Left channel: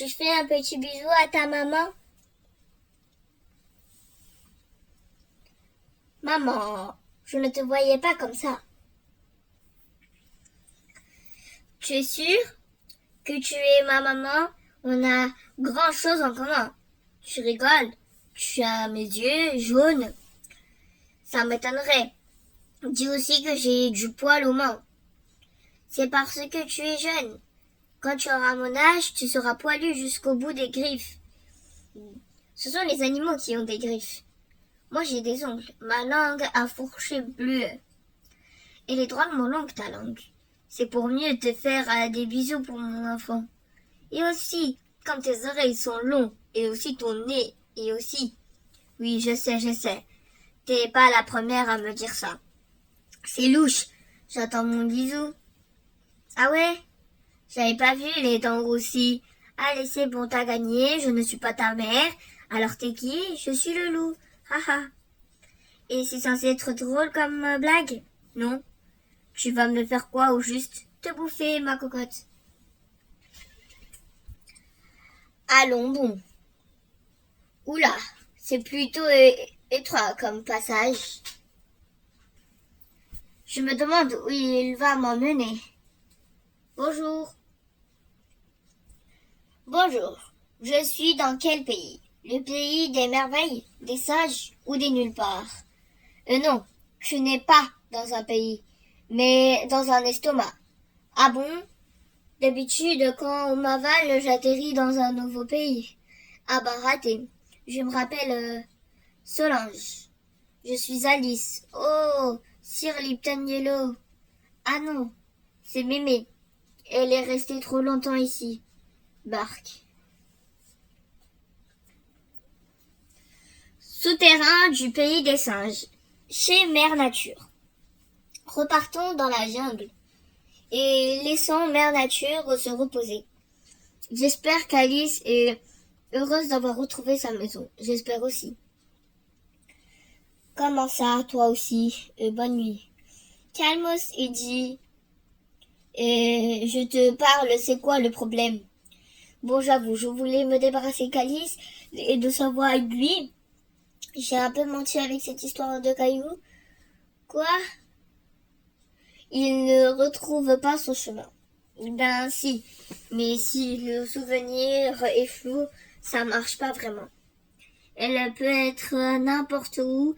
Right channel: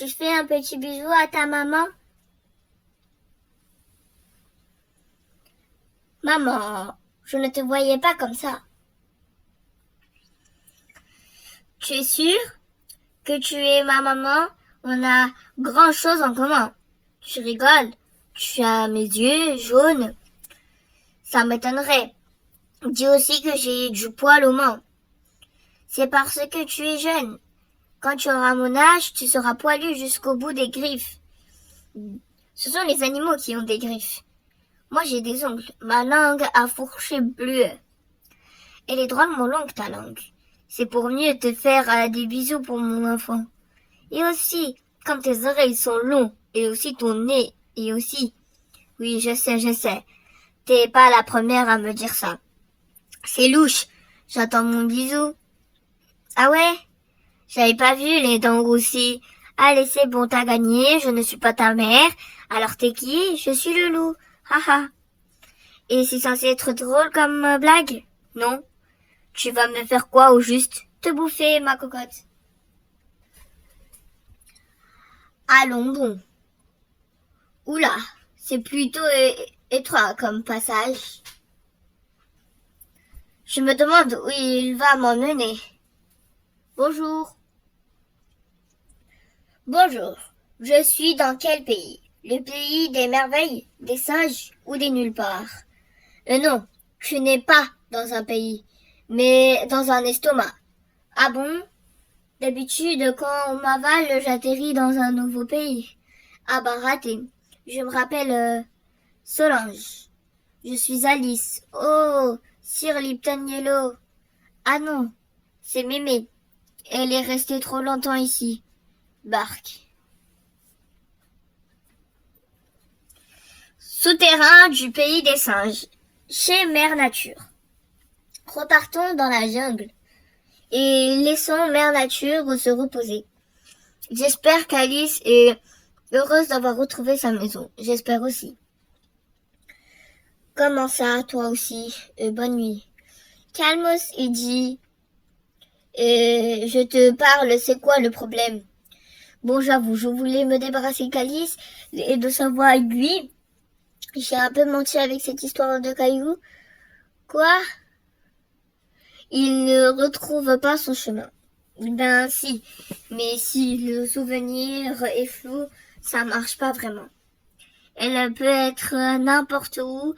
Tu fais un petit bisou à ta maman? Maman, je ne te voyais pas comme ça. Tu es sûre que tu es ma maman? On a grand chose en commun. Tu rigoles. Tu as mes yeux jaunes. Ça m'étonnerait. Dis aussi que j'ai du poil aux mains. C'est parce que tu es jeune. Quand tu auras mon âge, tu seras poilu jusqu'au bout des griffes. Ce sont les animaux qui ont des griffes. Moi, j'ai des ongles. Ma langue a fourché bleu. Elle est drôlement longue, ta langue. C'est pour mieux te faire des bisous pour mon enfant. Et aussi, comme tes oreilles sont longues, et aussi ton nez, et aussi... Oui, je sais. T'es pas la première à me dire ça. C'est louche. J'attends mon bisou. Ah ouais? J'avais pas vu les dents roussies. Allez, c'est bon, t'as gagné. Je ne suis pas ta mère. Alors t'es qui? Je suis le loup. Haha. Et c'est censé être drôle comme blague? Non. Tu vas me faire quoi au juste? Te bouffer, ma cocotte. Allons bon. Oula, c'est plutôt étroit comme passage. Je me demande où il va m'emmener. Bonjour. Bonjour. Je suis dans quel pays? Le pays des merveilles, des singes ou des nulle part? Non, tu n'es pas dans un pays, mais dans un estomac. Ah bon? D'habitude, quand on m'avale, j'atterris dans un nouveau pays. Ah bah raté. Je me rappelle Solange. Je suis Alice. Oh, Sir Lipton Yellow. Ah non, c'est Mémé. Elle est restée trop longtemps ici. Bark. Souterrain du pays des singes. Chez Mère Nature. Repartons dans la jungle et laissons Mère Nature se reposer. J'espère qu'Alice est heureuse d'avoir retrouvé sa maison. J'espère aussi. Comment ça, toi aussi? Bonne nuit. Calmos, il dit. Je te parle, c'est quoi le problème? Bon, j'avoue, je voulais me débarrasser d'Alice et de sa voix aiguë. J'ai un peu menti avec cette histoire de cailloux. Quoi? Il ne retrouve pas son chemin. Ben si, mais si le souvenir est flou, ça marche pas vraiment. Elle peut être n'importe où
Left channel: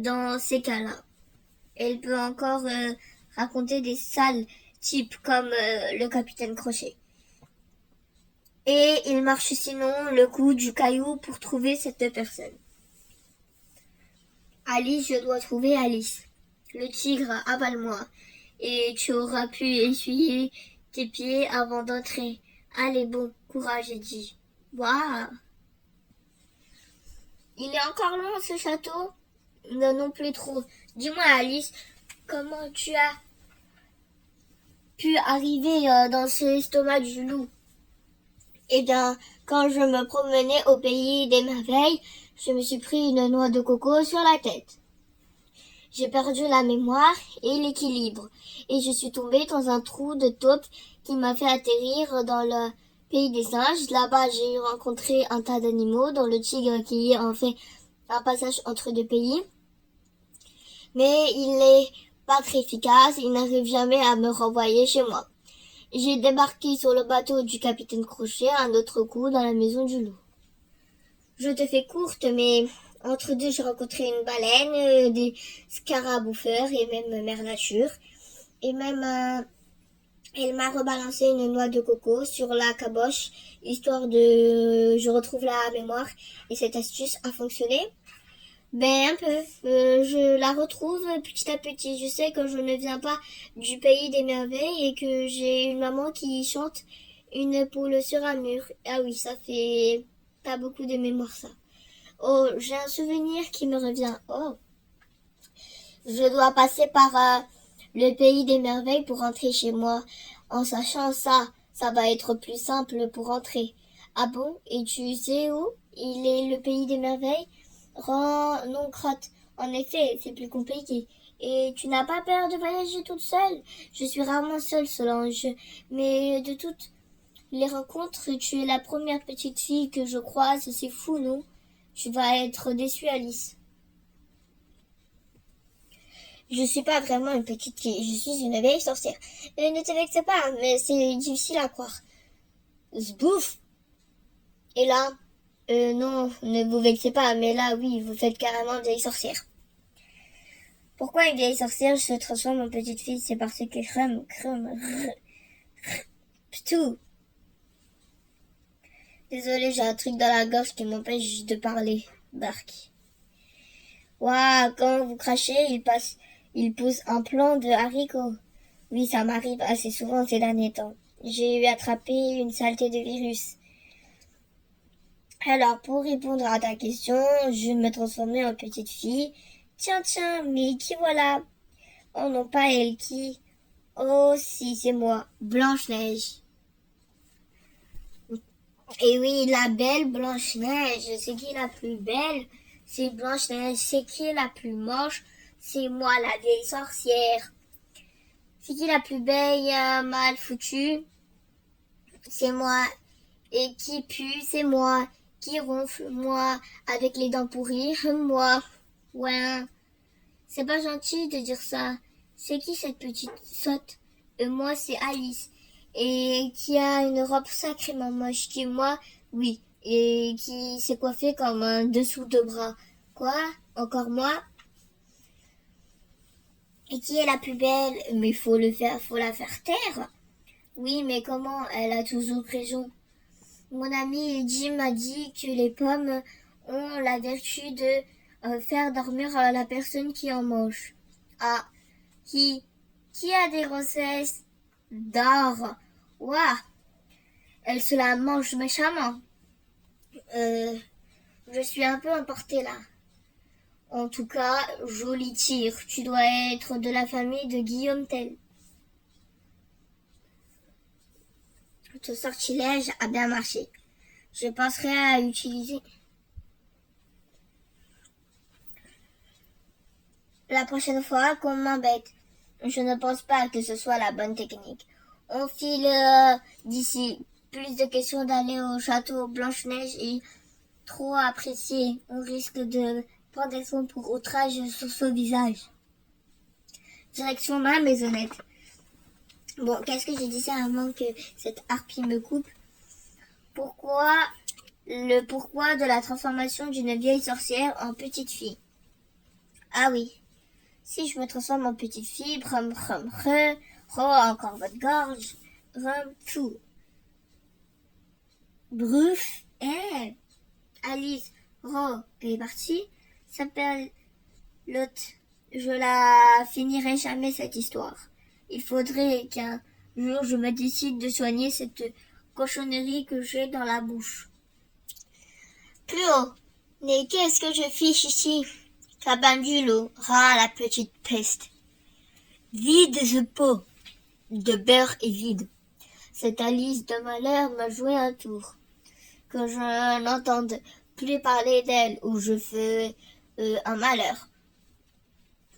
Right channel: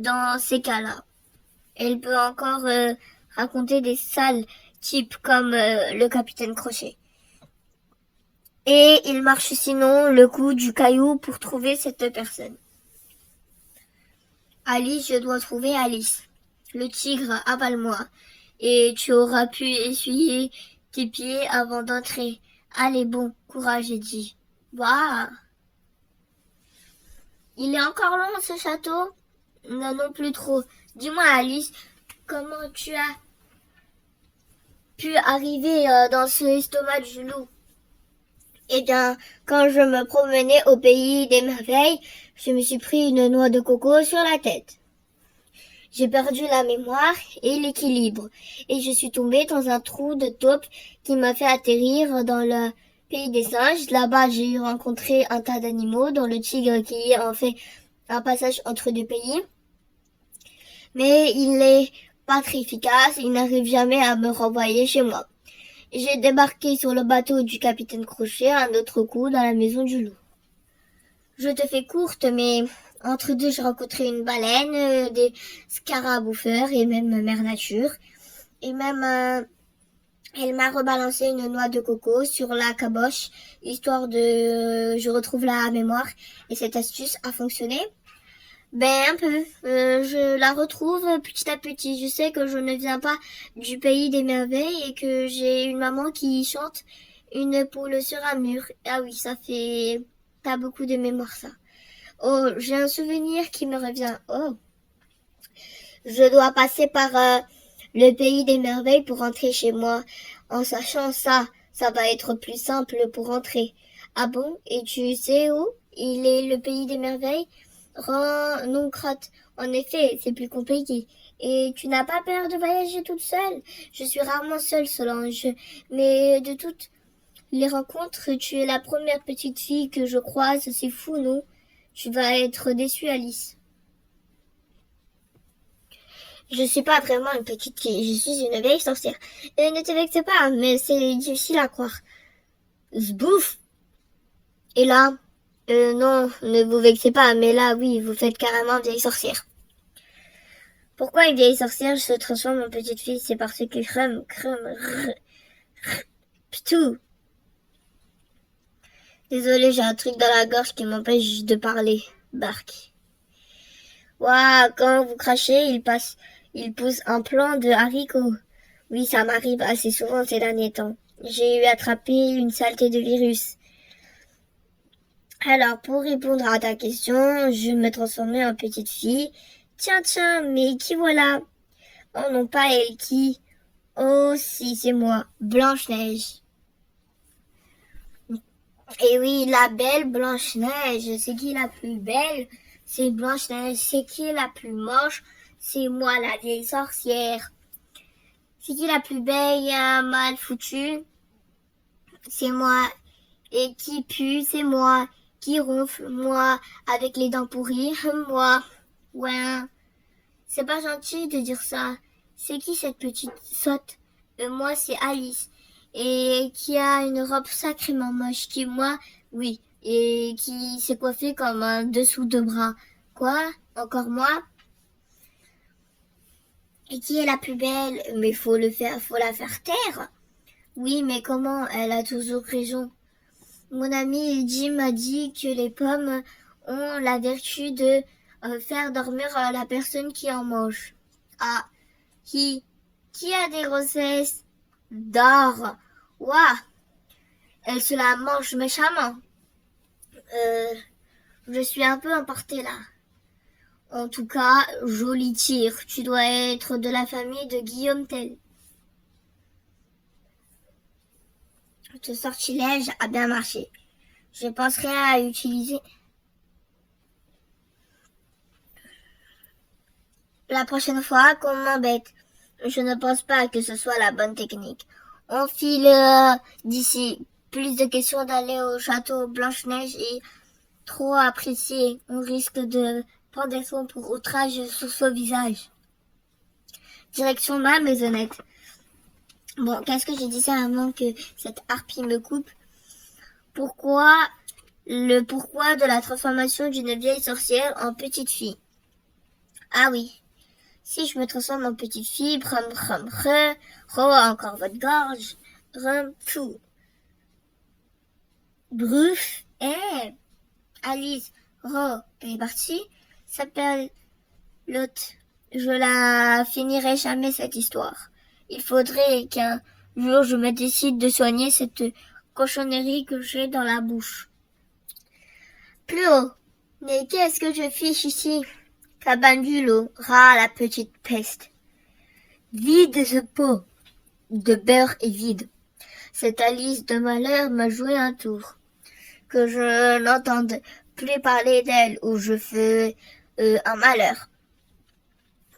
dans ces cas-là. Elle peut encore raconter des sales types comme le capitaine Crochet. Et il marche sinon le coup du caillou pour trouver cette personne. Alice, je dois trouver Alice. Le tigre, avale-moi. Et tu auras pu essuyer tes pieds avant d'entrer. Allez, bon, courage, Eddie. Bah. Il est encore long, ce château? Non, non plus trop. Dis-moi, Alice, comment tu as pu arriver dans ce estomac du loup? Eh bien, quand je me promenais au pays des merveilles, je me suis pris une noix de coco sur la tête. J'ai perdu la mémoire et l'équilibre, et je suis tombée dans un trou de taupe qui m'a fait atterrir dans le pays des singes. Là-bas, j'ai rencontré un tas d'animaux, dont le tigre qui en fait un passage entre deux pays. Mais il n'est pas très efficace, il n'arrive jamais à me renvoyer chez moi. J'ai débarqué sur le bateau du capitaine Crochet un autre coup dans la maison du loup. Je te fais courte, mais entre deux, j'ai rencontré une baleine, des scarabouffeurs et même Mère Nature. Et même, elle m'a rebalancé une noix de coco sur la caboche, histoire de... Je retrouve la mémoire. Et cette astuce a fonctionné. Ben, un peu. Je la retrouve petit à petit. Je sais que je ne viens pas du pays des merveilles et que j'ai une maman qui chante une poule sur un mur. Ah oui, ça fait... T'as beaucoup de mémoire, ça. Oh, j'ai un souvenir qui me revient. Oh, je dois passer par le pays des merveilles pour rentrer chez moi. En sachant ça, ça va être plus simple pour rentrer. Ah bon? Et tu sais où il est le pays des merveilles? Non, crotte. En effet, c'est plus compliqué. Et tu n'as pas peur de voyager toute seule? Je suis rarement seule, Solange. Mais de toute les rencontres, tu es la première petite fille que je croise, c'est fou, non? Tu vas être déçue, Alice. Je suis pas vraiment une petite fille, je suis une vieille sorcière. Ne te vexe pas, mais c'est difficile à croire. Zbouf! Et là, non, ne vous vexez pas, mais là, oui, vous faites carrément vieille sorcière. Pourquoi une vieille sorcière se transforme en petite fille? C'est parce que ptou. Désolée, j'ai un truc dans la gorge qui m'empêche de parler. Bark. Waouh, quand vous crachez, il pousse un plant de haricots. Oui, ça m'arrive assez souvent ces derniers temps. J'ai eu attrapé une saleté de virus. Alors, pour répondre à ta question, je me transformais en petite fille. Tiens, mais qui voilà? Oh non, pas elle, qui? Oh si, c'est moi, Blanche-Neige. Et oui, la belle Blanche-Neige, c'est qui la plus belle? C'est Blanche-Neige. C'est qui la plus moche? C'est moi, la vieille sorcière. C'est qui la plus belle, mal foutue? C'est moi. Et qui pue? C'est moi. Qui ronfle? Moi. Avec les dents pourries? Moi. Ouais. C'est pas gentil de dire ça. C'est qui cette petite sotte? Moi, c'est Alice. Et qui a une robe sacrément moche. Qui, moi, oui. Et qui s'est coiffée comme un dessous de bras. Quoi? Encore moi? Et qui est la plus belle? Mais faut la faire taire. Oui, mais comment? Elle a toujours raison. Mon ami Jim a dit que les pommes ont la vertu de faire dormir la personne qui en mange. Ah, qui a des grossesses? Dort. Ouah, elle se la mange méchamment. Je suis un peu emportée là. En tout cas, joli tir. Tu dois être de la famille de Guillaume Tell. Ce sortilège a bien marché. Je penserai à utiliser. La prochaine fois qu'on m'embête, je ne pense pas que ce soit la bonne technique. On file d'ici. Plus de questions d'aller au château Blanche-Neige et trop apprécié. On risque de pendaison pour outrage sur son visage. Direction ma maisonnette. Bon, qu'est-ce que j'ai dit ça avant que cette harpie me coupe? Pourquoi de la transformation d'une vieille sorcière en petite fille? Ah oui. Si je me transforme en petite fille, encore votre gorge, tout. Bruf, Alice, elle est partie, s'appelle l'autre. Je la finirai jamais cette histoire. Il faudrait qu'un jour je me décide de soigner cette cochonnerie que j'ai dans la bouche. Plus haut. Mais qu'est-ce que je fiche ici? Cabane du loup, la petite peste. Vide ce pot de beurre et vide. Cette Alice de malheur me jouait un tour. Que je n'entende plus parler d'elle ou je fais un malheur.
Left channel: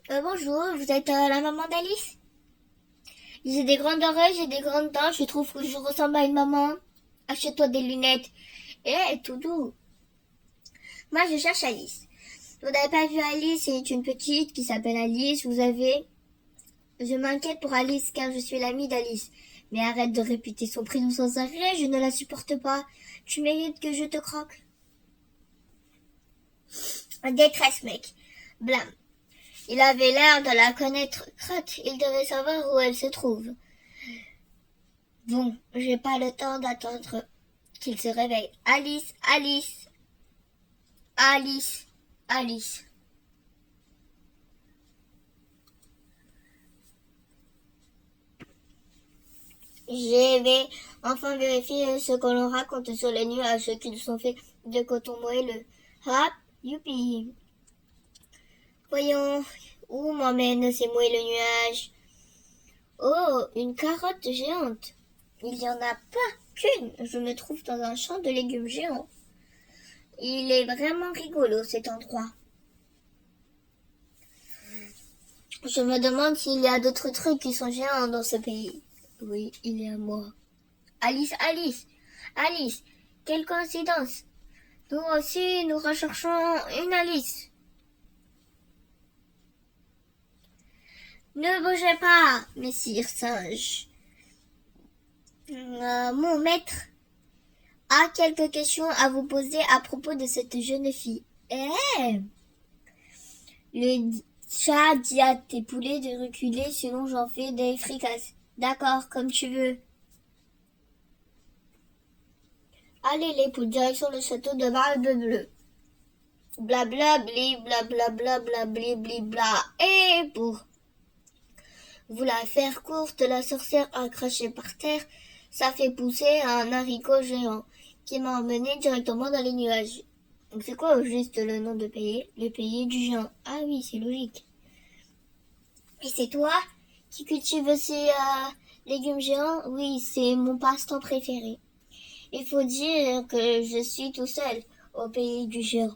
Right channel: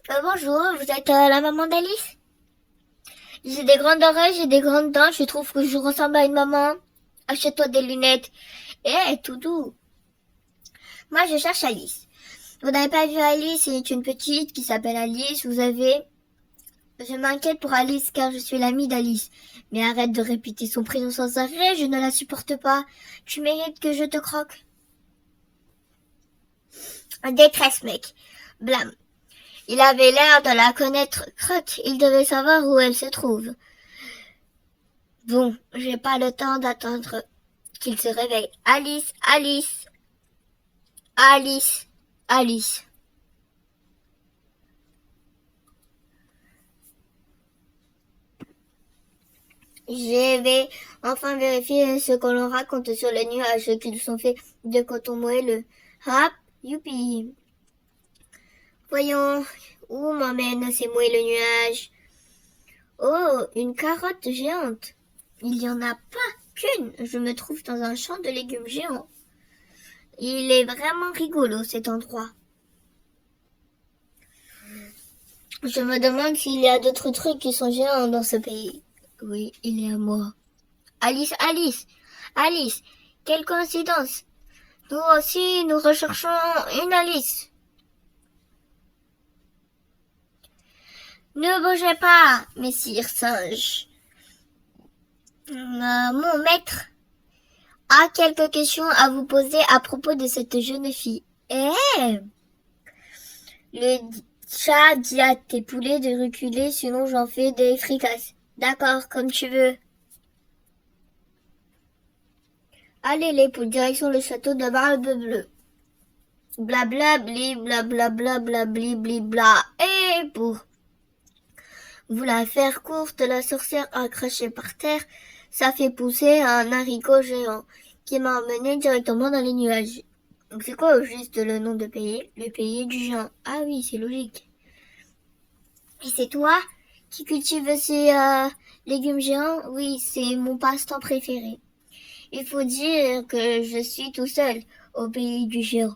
Bonjour, vous êtes la maman d'Alice? J'ai des grandes oreilles, j'ai des grandes dents, je trouve que je ressemble à une maman. Achète-toi des lunettes. Tout doux. Moi, je cherche Alice. Vous n'avez pas vu Alice, c'est une petite qui s'appelle Alice, Je m'inquiète pour Alice car je suis l'amie d'Alice. Mais arrête de répéter son prénom sans arrêt, je ne la supporte pas. Tu mérites que je te croque. Détresse, mec. Blâme. Il avait l'air de la connaître. Croque, il devait savoir où elle se trouve. Bon, j'ai pas le temps d'attendre qu'il se réveille. Alice, Alice. Alice, Alice. Je vais enfin vérifier ce que l'on raconte sur les nuages qu'ils sont faits de coton moelleux. Hop, youpi. Voyons, où m'emmène ces moelleux nuages? Oh, une carotte géante. Il n'y en a pas qu'une. Je me trouve dans un champ de légumes géants. Il est vraiment rigolo cet endroit. Je me demande s'il y a d'autres trucs qui sont géants dans ce pays. Oui, il y a moi. Alice, Alice, Alice, quelle coïncidence! Nous aussi, nous recherchons une Alice. Ne bougez pas, messire singe. Mon maître a quelques questions à vous poser à propos de cette jeune fille. Le chat dit à tes poulets de reculer, sinon j'en fais des fricasses. D'accord, comme tu veux. Allez les poules, direction le château de Barbe Bleue. Blabla, bli, blabla, blabla, bli, bli, bla, et bouh. Vous la faire courte, la sorcière a craché par terre. Ça fait pousser un haricot géant qui m'a emmené directement dans les nuages. Donc c'est quoi au juste le nom de pays? Le pays du géant. Ah oui, c'est logique. Et c'est toi qui cultives ces légumes géants? Oui, c'est mon passe-temps préféré. Il faut dire que je suis tout seul au pays du géant.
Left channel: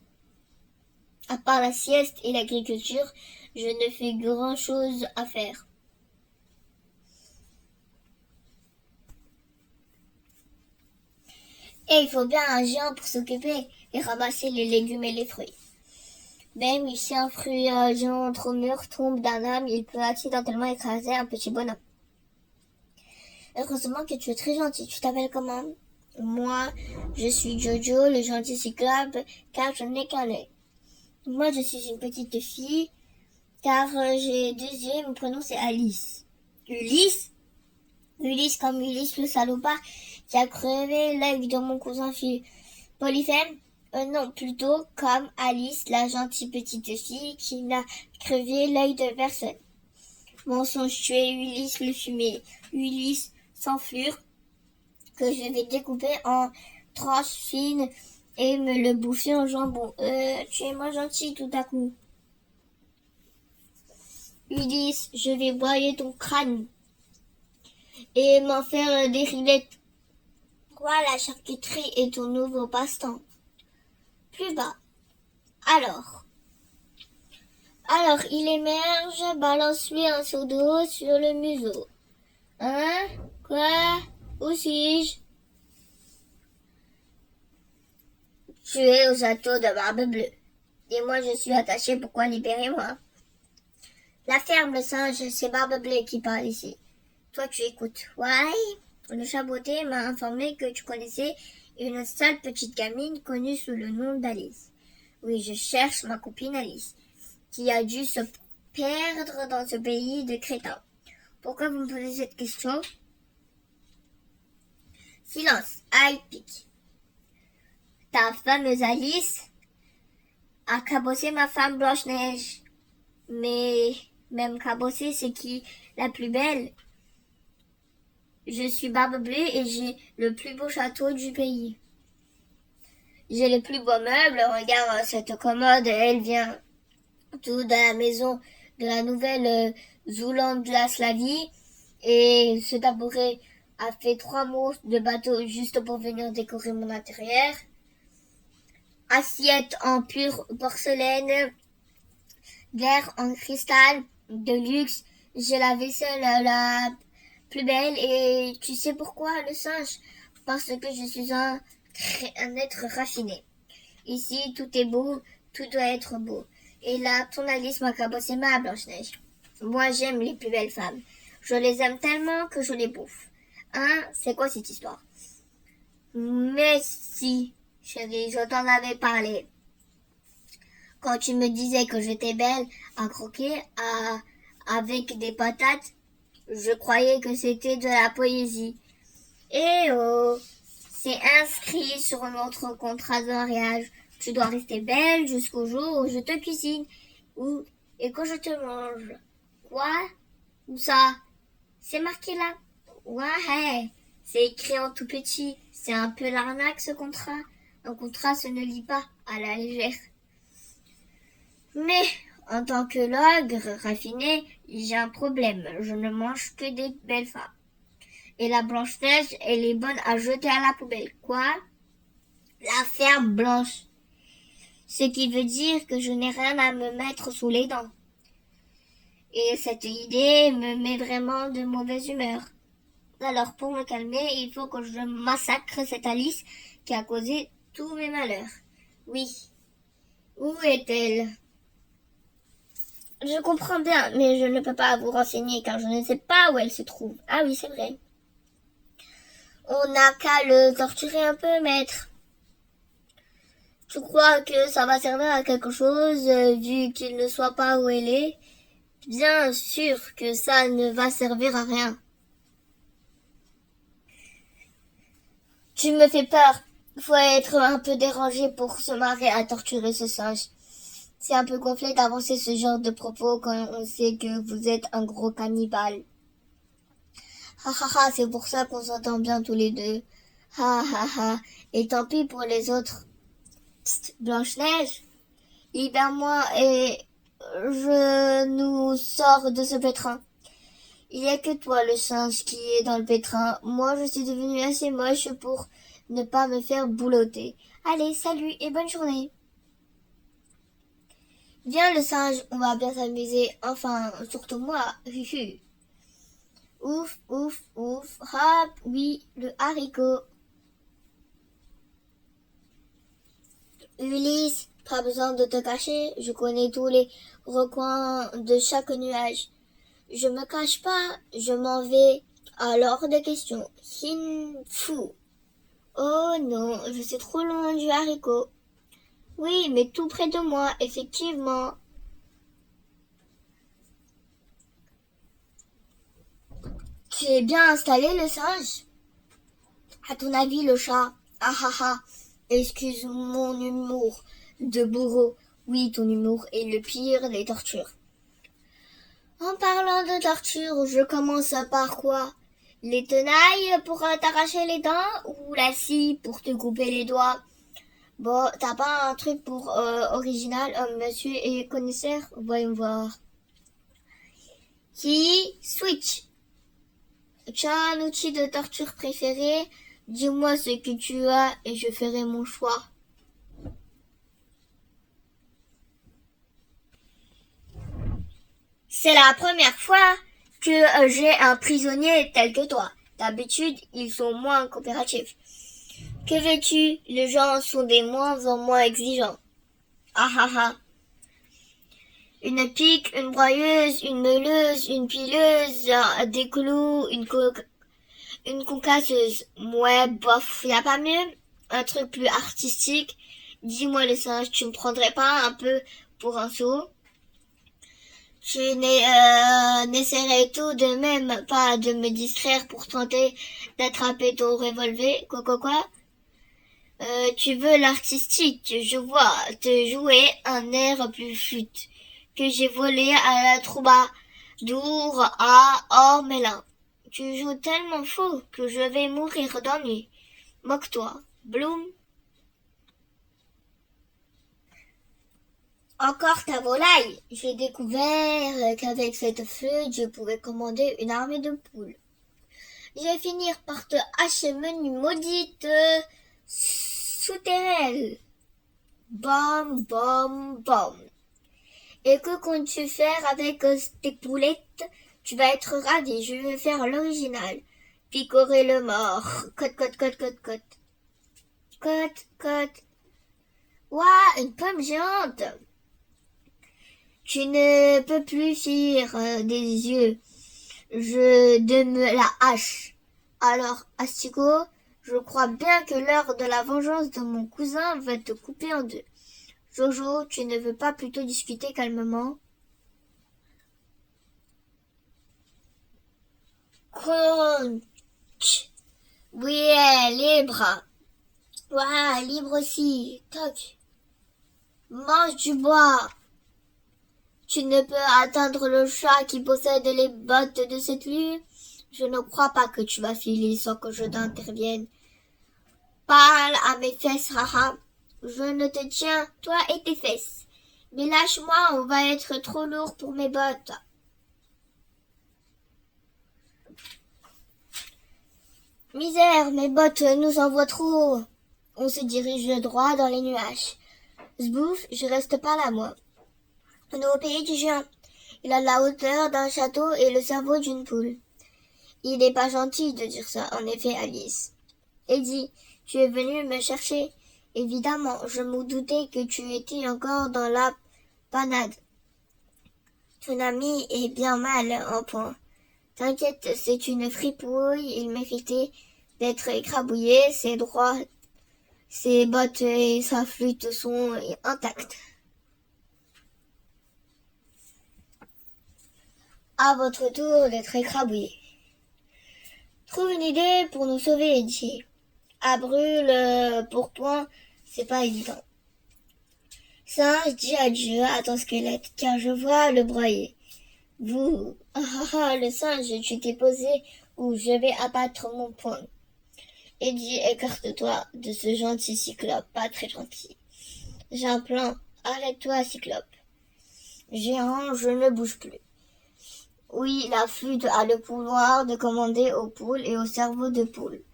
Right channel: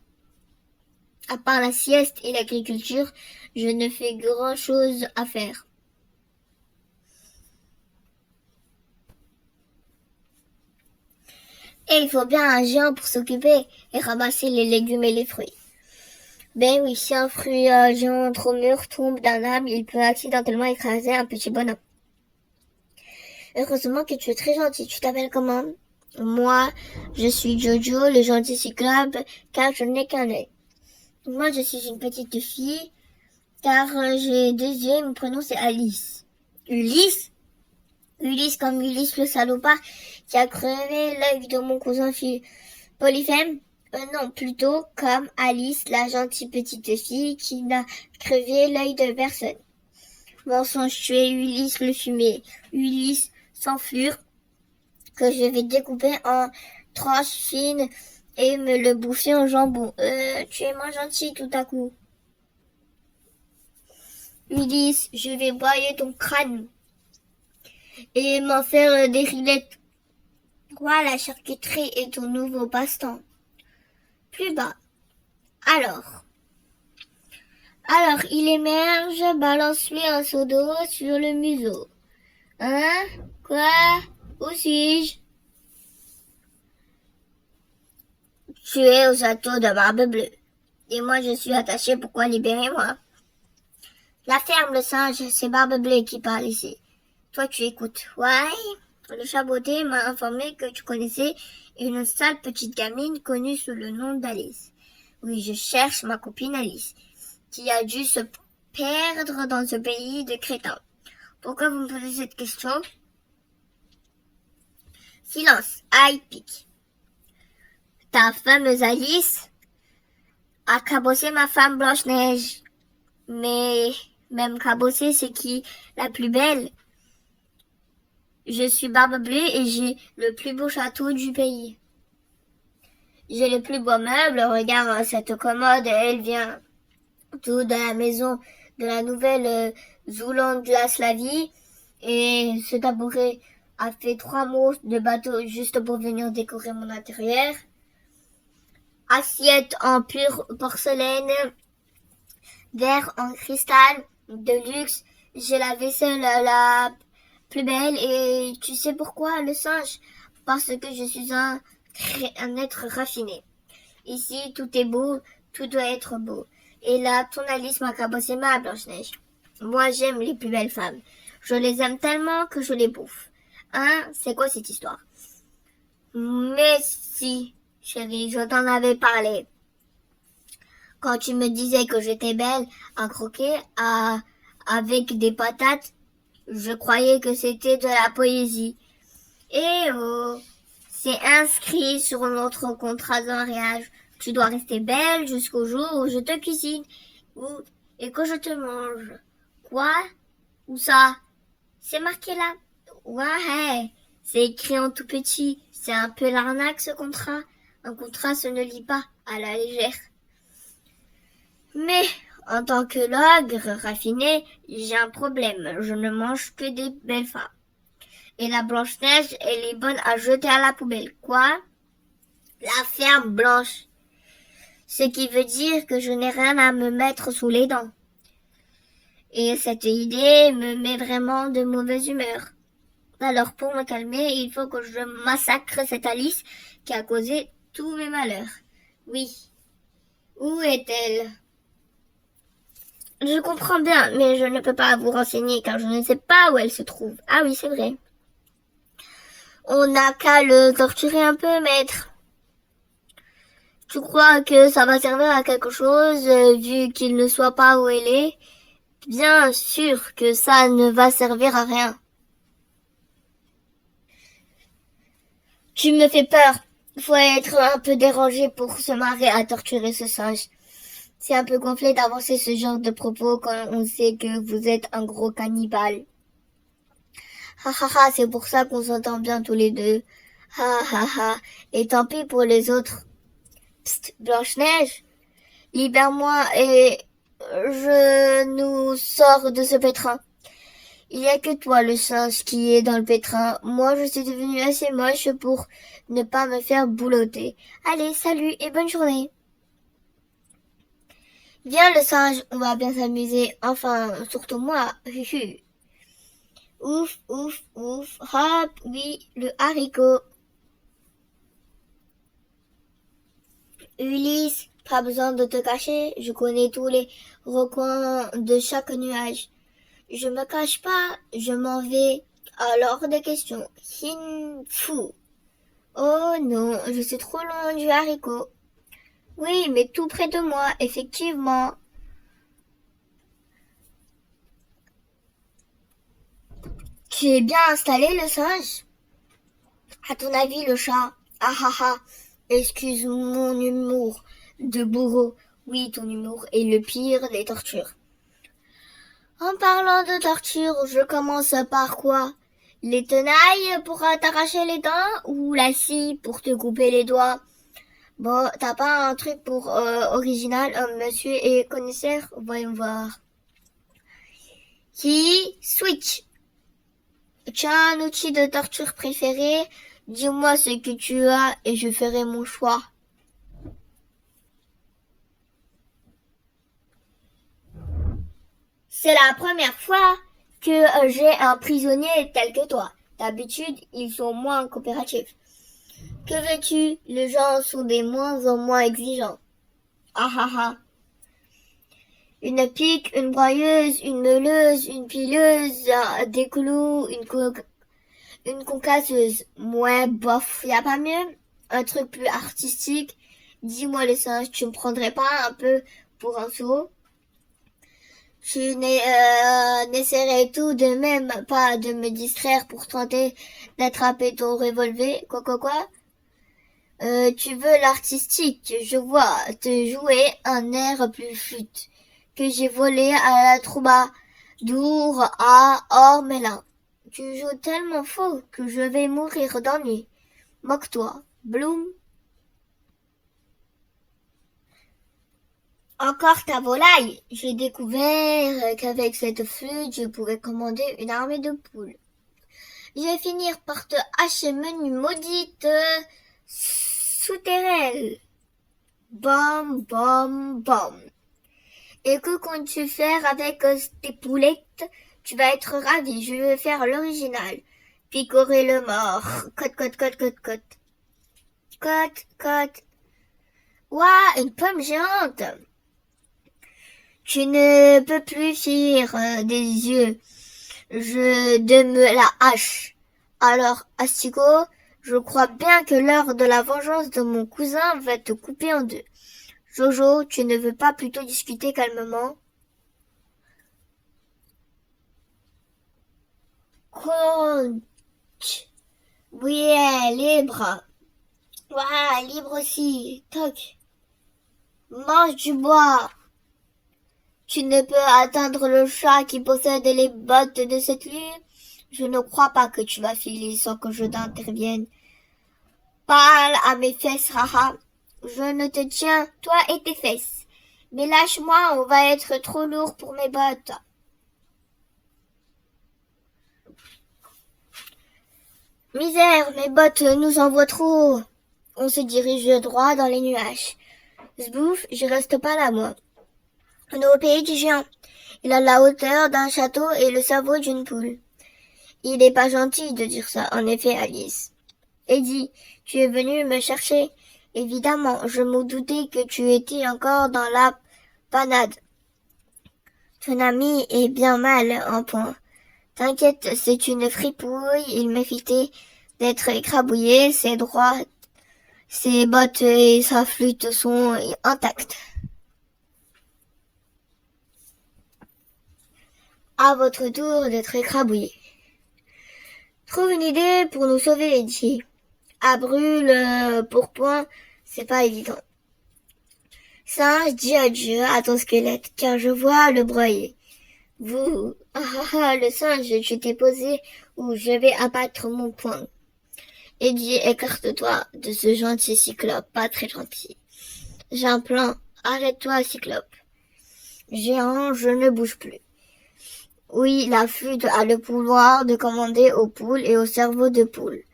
À part la sieste et l'agriculture, je ne fais grand-chose à faire. Et il faut bien un géant pour s'occuper et ramasser les légumes et les fruits. Ben oui, si un fruit géant trop mûr tombe d'un arbre, il peut accidentellement écraser un petit bonhomme. Heureusement que tu es très gentil. Tu t'appelles comment? Moi, je suis Jojo, le gentil cyclope, car je n'ai qu'un œil. Moi, je suis une petite fille, car j'ai 2 yeux, mon prénom c'est Alice. Ulysse? Ulysse comme Ulysse le salopard, qui a crevé l'œil de mon cousin Polyphème? Non, plutôt comme Alice, la gentille petite fille, qui n'a crevé l'œil de personne. Mensonge, tu es Ulysse le fumé. Ulysse s'enflure, que je vais découper en tranches fines et me le bouffer en jambon. Tu es moins gentil tout à coup. Ulysse, je vais broyer ton crâne et m'en faire des rillettes. Quoi, la charcuterie est ton nouveau passe-temps? Plus bas. Alors, il émerge, balance-lui un seau d'eau sur le museau. Hein? Quoi? Où suis-je? Tu es au château de Barbe Bleue. Et moi, je suis attachée. Pourquoi libérez-moi? La ferme, le singe, c'est Barbe Bleue qui parle ici. Toi, tu écoutes. Ouais. Le chaboté m'a informé que tu connaissais une sale petite gamine connue sous le nom d'Alice. Oui, je cherche ma copine Alice, qui a dû se perdre dans ce pays de crétins. Pourquoi vous me posez cette question? Silence, aïe, pique. Ta fameuse Alice a cabossé ma femme Blanche-Neige. Mais même cabossé, c'est qui la plus belle? Je suis Barbe Bleue et j'ai le plus beau château du pays. J'ai les plus beaux meubles. Regarde cette commode, elle vient tout de la maison de la nouvelle Zoulande de la Slavie. Et ce tabouret a fait 3 mots de bateau juste pour venir décorer mon intérieur. Assiette en pure porcelaine, verre en cristal, de luxe. J'ai la vaisselle la plus belle et tu sais pourquoi, le singe? Parce que je suis un être raffiné. Ici, tout est beau, tout doit être beau. Et là, ton Alice m'a cabossé ma Blanche-Neige. Moi, j'aime les plus belles femmes. Je les aime tellement que je les bouffe. Hein? C'est quoi cette histoire? Mais si, chérie, je t'en avais parlé. Quand tu me disais que j'étais belle à croquer avec des patates, je croyais que c'était de la poésie. Eh oh, c'est inscrit sur notre contrat de mariage. Tu dois rester belle jusqu'au jour où je te cuisine et que je te mange. Quoi? Où ça? C'est marqué là. Ouais, c'est écrit en tout petit. C'est un peu l'arnaque ce contrat. Un contrat se ne lit pas à la légère. Mais en tant que l'ogre raffiné, j'ai un problème. Je ne mange que des belles femmes. Et la Blanche-Neige, elle est bonne à jeter à la poubelle. Quoi? La ferme blanche. Ce qui veut dire que je n'ai rien à me mettre sous les dents. Et cette idée me met vraiment de mauvaise humeur. Alors pour me calmer, il faut que je massacre cette Alice qui a causé tous mes malheurs. Oui. Où est-elle? Je comprends bien, mais je ne peux pas vous renseigner car je ne sais pas où elle se trouve. Ah oui, c'est vrai. On n'a qu'à le torturer un peu, maître. Tu crois que ça va servir à quelque chose, vu qu'il ne soit pas où elle est? Bien sûr que ça ne va servir à rien. Tu me fais peur. Faut être un peu dérangé pour se marrer à torturer ce singe. C'est un peu gonflé d'avancer ce genre de propos quand on sait que vous êtes un gros cannibale. Ha ha ha, c'est pour ça qu'on s'entend bien tous les deux. Ha ha ha, et tant pis pour les autres. Psst, Blanche-Neige, libère-moi et je nous sors de ce pétrin. Il n'y a que toi, le singe, qui est dans le pétrin. Moi, je suis devenue assez moche pour ne pas me faire boulotter. Allez, salut et bonne journée. Viens, le singe, on va bien s'amuser. Enfin, surtout moi. Ouf, ouf, ouf. Hop, oui, le haricot. Ulysse, pas besoin de te cacher. Je connais tous les recoins de chaque nuage. Je me cache pas, je m'en vais. Alors de question. Fou. Oh non, je suis trop loin du haricot. Oui, mais tout près de moi, effectivement. Tu es bien installé, le singe? À ton avis, le chat? Ah ah ah. Excuse mon humour de bourreau. Oui, ton humour est le pire des tortures. En parlant de torture, je commence par quoi? Les tenailles pour t'arracher les dents ou la scie pour te couper les doigts? Bon, t'as pas un truc pour original, monsieur est connaisseur? Voyons voir. Qui? Switch. Tu as un outil de torture préféré? Dis-moi ce que tu as et je ferai mon choix. C'est la première fois que j'ai un prisonnier tel que toi. D'habitude, ils sont moins coopératifs. Que veux-tu? Les gens sont des moins en moins exigeants. Ah ah ah. Une pique, une broyeuse, une meuleuse, une pileuse, des clous, une concasseuse. Ouais, bof, y a pas mieux? Un truc plus artistique? Dis-moi le singe, tu me prendrais pas un peu pour un sourd? Tu n'essaierais tout de même pas de me distraire pour tenter d'attraper ton revolver, quoi? Tu veux l'artistique, je vois, te jouer un air plus flûte que j'ai volé à la troubadour à Ormelin. Tu joues tellement faux que je vais mourir d'ennui. Moque-toi, Bloom. Encore ta volaille. J'ai découvert qu'avec cette flûte, je pouvais commander une armée de poules. Je vais finir par te hacher menu maudite souterraine. Bam, bam, bam. Et que comptes-tu faire avec tes poulettes? Tu vas être ravi, je vais faire l'original. Picorer le mort. Cote. Cote. Ouah, une pomme géante. Tu ne peux plus fuir des yeux. De me la hache. Alors, Asticot, je crois bien que l'heure de la vengeance de mon cousin va te couper en deux. Jojo, tu ne veux pas plutôt discuter calmement? Conch. Oui, libre. Ouais, libre aussi. Toc. Mange du bois. Tu ne peux atteindre le chat qui possède les bottes de cette nuit? Je ne crois pas que tu vas filer sans que je t'intervienne. Parle à mes fesses, haha. Je ne te tiens, toi et tes fesses. Mais lâche-moi, on va être trop lourd pour mes bottes. Misère, mes bottes nous envoient trop haut. On se dirige droit dans les nuages. Zbouf, je reste pas là, moi. On est au pays du géant. Il a la hauteur d'un château et le cerveau d'une poule. Il n'est pas gentil de dire ça, en effet, Alice. Eddie, tu es venu me chercher. Évidemment, je me doutais que tu étais encore dans la panade. Ton ami est bien mal en point. T'inquiète, c'est une fripouille, il méritait d'être écrabouillé, ses droits, ses bottes et sa flûte sont intacts. À votre tour d'être écrabouillé. Trouve une idée pour nous sauver, Eddie. À brûle, pourpoint, c'est pas évident. Singe, dis adieu à ton squelette, car je vois le broyer. Vous, le singe, tu t'es posé ou je vais abattre mon poing. Eddie, écarte-toi de ce gentil cyclope, pas très gentil. J'ai un plan, arrête-toi, cyclope. Géant, je ne bouge plus. Oui, la flûte a le pouvoir de commander aux poules et au cerveau de poule.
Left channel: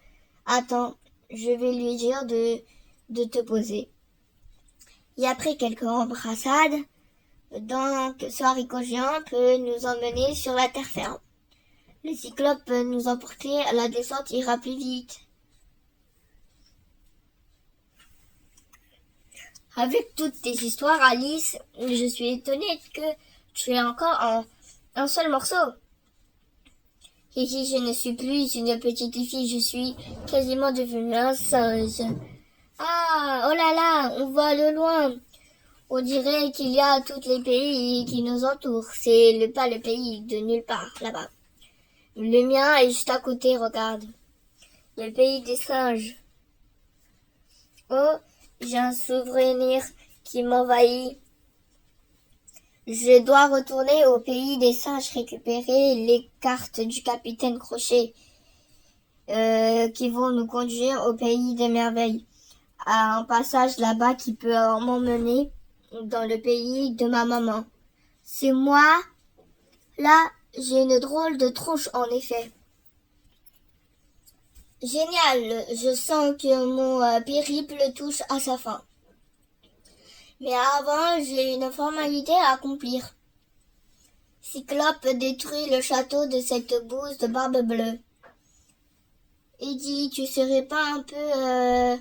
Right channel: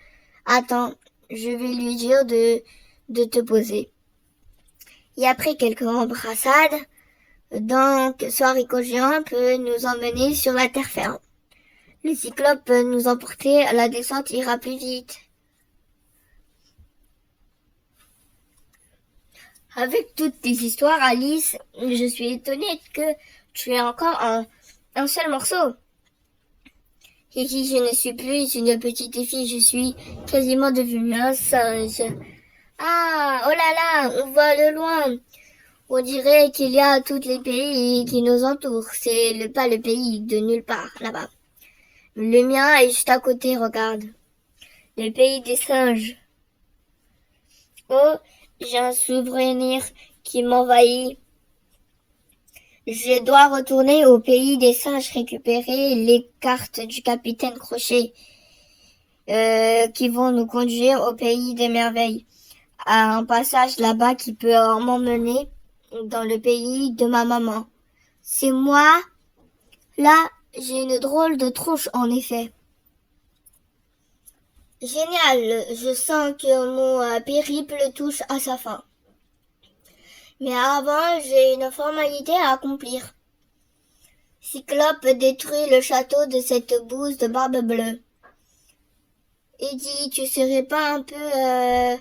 Attends, je vais lui dire de te poser. Et après quelques embrassades, donc Soarico géant peut nous emmener sur la terre ferme. Le cyclope peut nous emporter, la descente ira plus vite. Avec toutes tes histoires, Alice, je suis étonnée que tu aies encore un seul morceau. Et si je ne suis plus une petite fille, je suis quasiment devenue un singe. Ah, oh là là, on voit de loin. On dirait qu'il y a tous les pays qui nous entourent. C'est pas le pays de nulle part, là-bas. Le mien est juste à côté, regarde. Le pays des singes. Oh, j'ai un souvenir qui m'envahit. Je dois retourner au pays des singes récupérer les cartes du capitaine Crochet qui vont nous conduire au pays des merveilles. À un passage là-bas qui peut m'emmener dans le pays de ma maman. C'est moi? Là, j'ai une drôle de tronche en effet. Génial, je sens que mon périple touche à sa fin. Mais avant, j'ai une formalité à accomplir. Cyclope détruit le château de cette bouse de barbe bleue. Eddie, tu serais pas un peu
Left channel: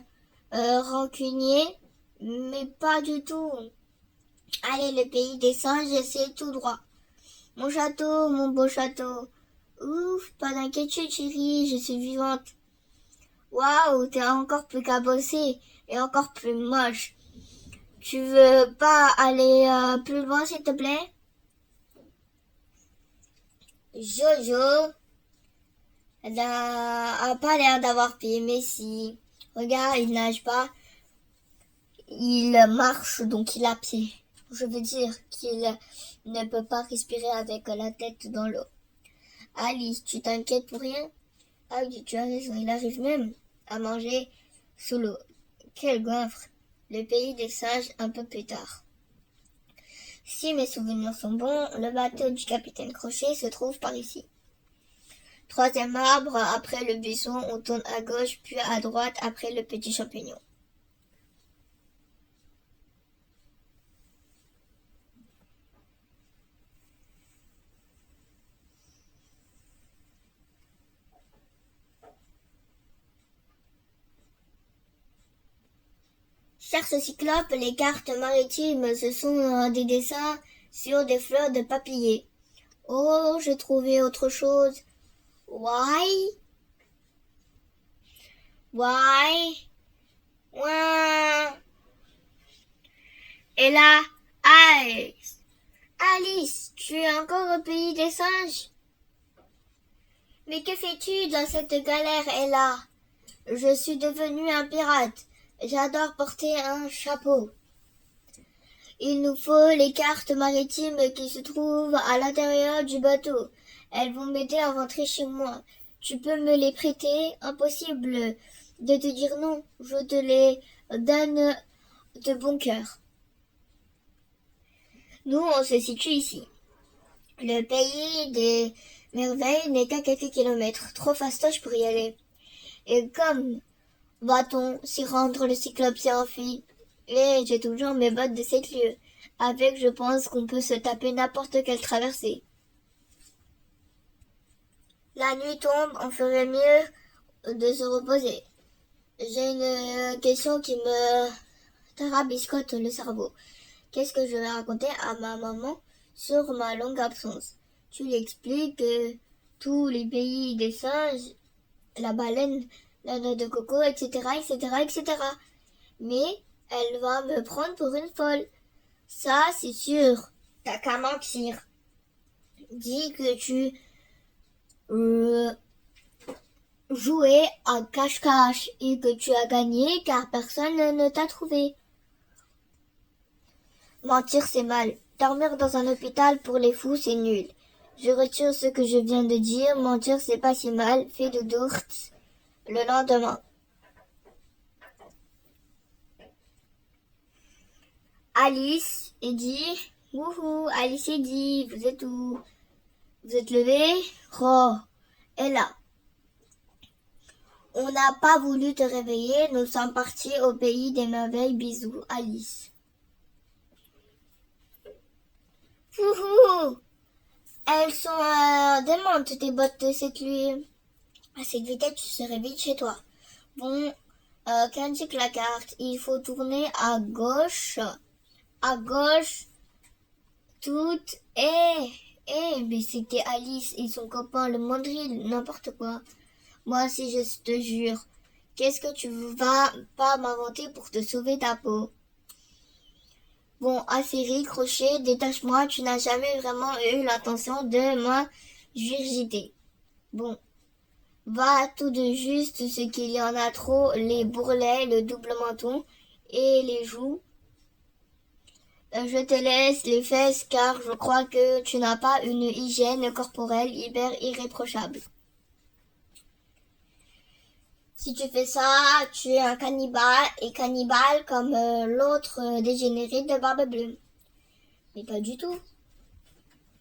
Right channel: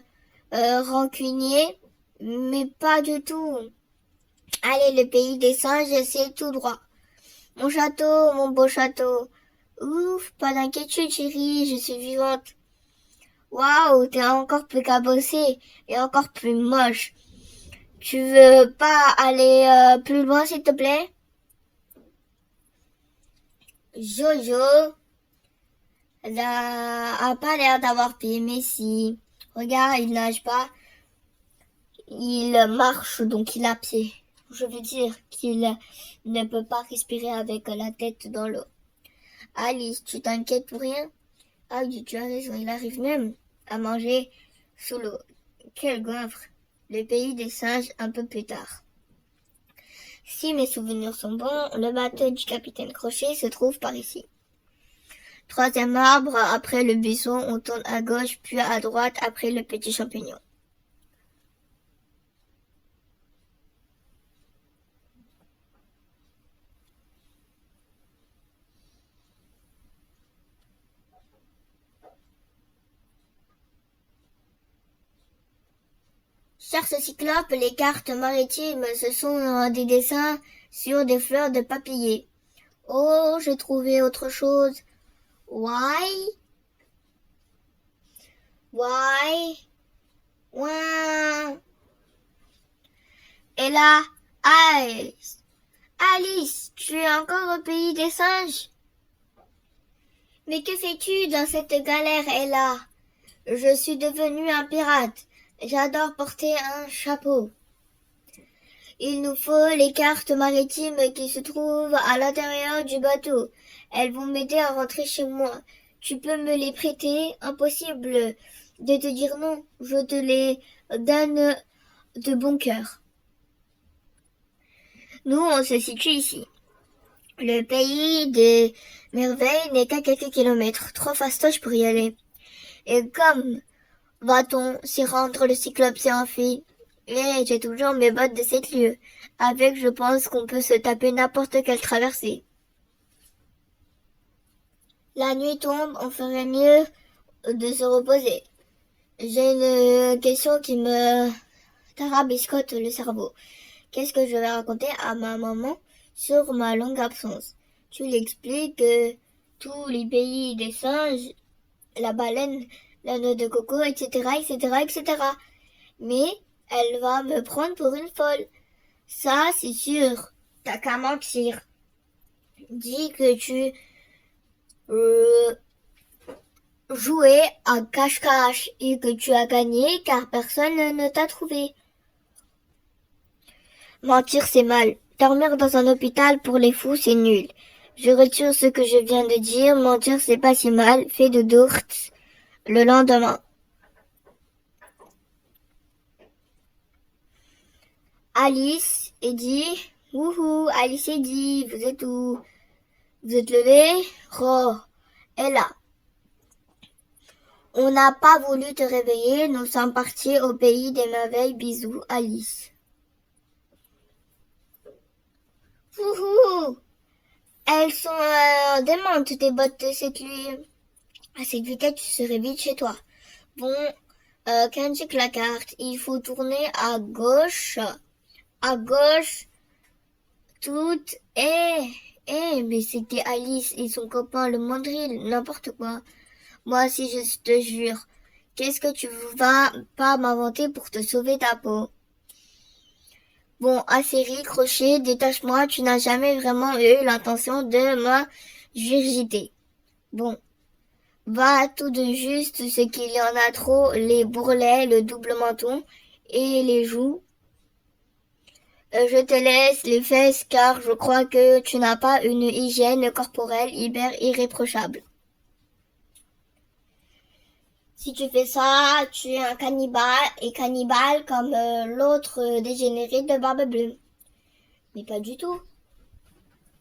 rancunier? Mais pas du tout. Allez, le pays des singes, c'est tout droit. Mon château, mon beau château. Ouf, pas d'inquiétude, chérie, je suis vivante. Waouh, t'es encore plus cabossée et encore plus moche. Tu veux pas aller plus loin, s'il te plaît? Jojo a pas l'air d'avoir pied, mais si. Regarde, il nage pas. Il marche, donc il a pied. Je veux dire qu'il ne peut pas respirer avec la tête dans l'eau. Alice, tu t'inquiètes pour rien? Ah oui, tu as raison, il arrive même à manger sous l'eau. Quel goinfre! Le pays des singes un peu plus tard. Si mes souvenirs sont bons, le bateau du capitaine Crochet se trouve par ici. Troisième arbre, après le buisson, on tourne à gauche, puis à droite, après le petit champignon. Cher ce cyclope, les cartes maritimes, ce sont des dessins sur des fleurs de papillier. Oh, j'ai trouvé autre chose. Why? Why? Ouin. Et là, Alice. Alice, tu es encore au pays des singes? Mais que fais-tu dans cette galère, Ella? Je suis devenue un pirate. J'adore porter un chapeau. Il nous faut les cartes maritimes qui se trouvent à l'intérieur du bateau. Elles vont m'aider à rentrer chez moi. Tu peux me les prêter? Impossible de te dire non. Je te les donne de bon cœur. Nous, on se situe ici. Le pays des merveilles n'est qu'à quelques kilomètres. Trop fastoche pour y aller. Et comme va-t-on s'y rendre? Le cyclope s'est enfui. Et j'ai toujours mes bottes de 7 lieues. Avec, je pense qu'on peut se taper n'importe quelle traversée. La nuit tombe, on ferait mieux de se reposer. J'ai une question qui me tarabiscote le cerveau. Qu'est-ce que je vais raconter à ma maman sur ma longue absence? Tu lui expliques que tous les pays des singes, la baleine, la noix de coco, etc., etc., etc. Mais elle va me prendre pour une folle. Ça, c'est sûr. T'as qu'à mentir. Dis que tu euh, jouais à cache-cache et que tu as gagné car personne ne t'a trouvé. Mentir, c'est mal. Dormir dans un hôpital pour les fous, c'est nul. Je retire ce que je viens de dire. Mentir, c'est pas si mal. Fais de dourtes le lendemain. Alice, Eddie. Wouhou, Alice, Eddie, vous êtes où? Vous êtes levés? Oh, est là. On n'a pas voulu te réveiller. Nous sommes partis au pays des merveilles. Bisous, Alice. Wouhou! Elles sont démentes, tes bottes de cette nuit. À cette vitesse, tu serais vite chez toi. Bon, qu'indique la carte? Il faut tourner à gauche. À gauche, toute. Mais c'était Alice et son copain, le mandril, n'importe quoi. Moi aussi, je te jure. Qu'est-ce que tu vas pas m'inventer pour te sauver ta peau? Bon, Acérie, crochet, détache-moi, tu n'as jamais vraiment eu l'intention de m'ingurgiter. Bon, va tout de juste ce qu'il y en a trop, les bourrelets, le double menton et les joues. Je te laisse les fesses car je crois que tu n'as pas une hygiène corporelle hyper irréprochable. Si tu fais ça, tu es un cannibale et cannibale comme l'autre dégénéré de Barbe Bleue. Mais pas du tout.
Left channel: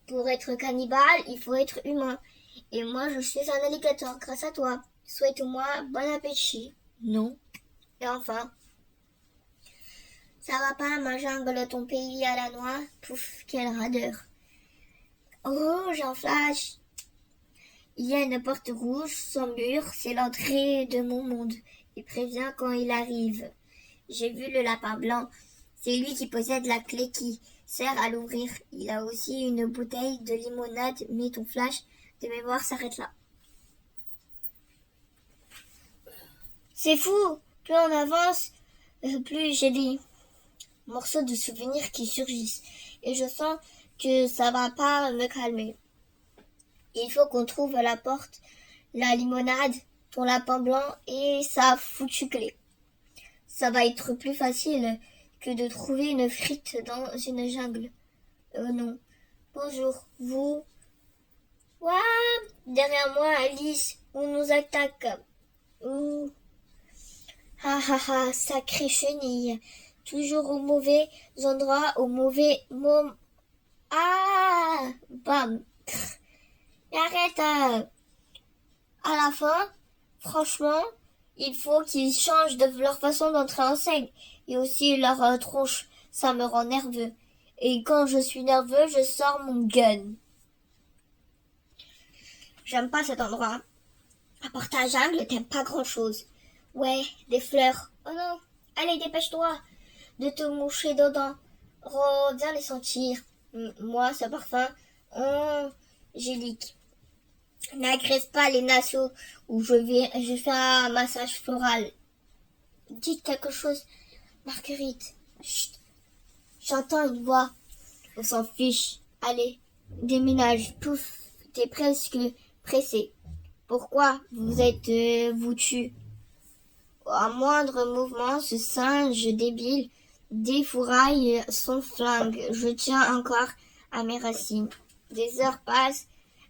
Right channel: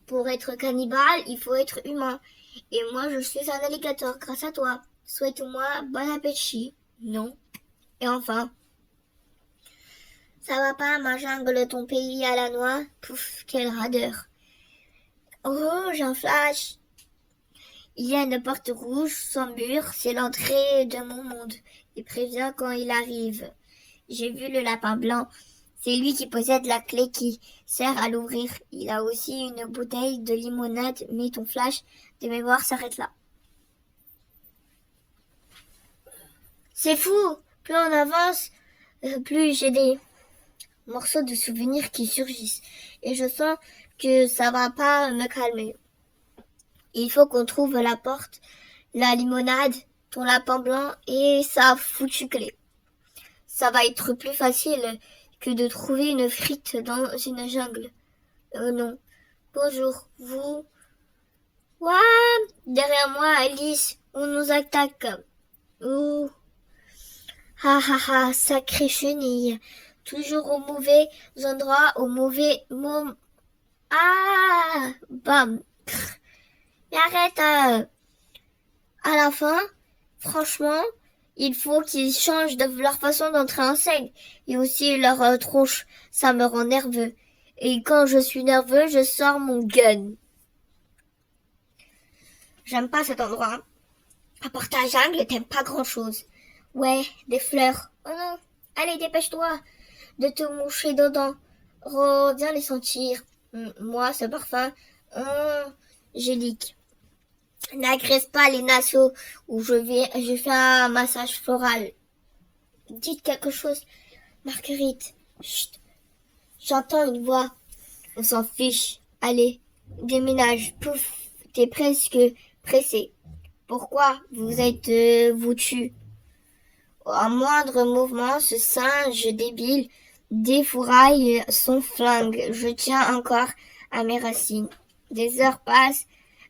Pour être cannibale, il faut être humain. Et moi, je suis un alligator grâce à toi. Souhaite-moi bon appétit. Non. Et enfin, ça va pas, ma jungle, ton pays à la noix? Pouf, quelle radeur. Oh, j'ai un flash. Il y a une porte rouge, sans mur, c'est l'entrée de mon monde. Il prévient quand il arrive. J'ai vu le lapin blanc. C'est lui qui possède la clé qui sert à l'ouvrir. Il a aussi une bouteille de limonade, mais ton flash de mémoire s'arrête là. C'est fou! Plus on avance, plus j'ai des morceaux de souvenirs qui surgissent. Et je sens que ça va pas me calmer. Il faut qu'on trouve la porte, la limonade, ton lapin blanc et sa foutue clé. Ça va être plus facile que de trouver une frite dans une jungle. Non. Bonjour, vous. Ouah, derrière moi, Alice, on nous attaque. Ouh. Ha ha ha, sacrée chenille. Toujours au mauvais endroit, au mauvais moment. Ah, bam. Mais arrête. À la fin, franchement, il faut qu'ils changent de leur façon d'entrer en scène. Et aussi leur tronche. Ça me rend nerveux. Et quand je suis nerveux, je sors mon gun. J'aime pas cet endroit. À part ta jungle, t'aimes pas grand-chose. Ouais, des fleurs. Oh non, allez, dépêche-toi de te moucher dedans. Viens les sentir. Moi, ce parfum angélique. N'agresse pas les nassos où je fais un massage floral. Dites quelque chose, Marguerite. Chut, j'entends une voix. On s'en fiche. Allez, déménage. Pouf, t'es presque pressé. Pourquoi vous êtes vous tue? Au moindre mouvement, ce singe débile défouraille son flingue. Je tiens encore à mes racines. Des heures passent.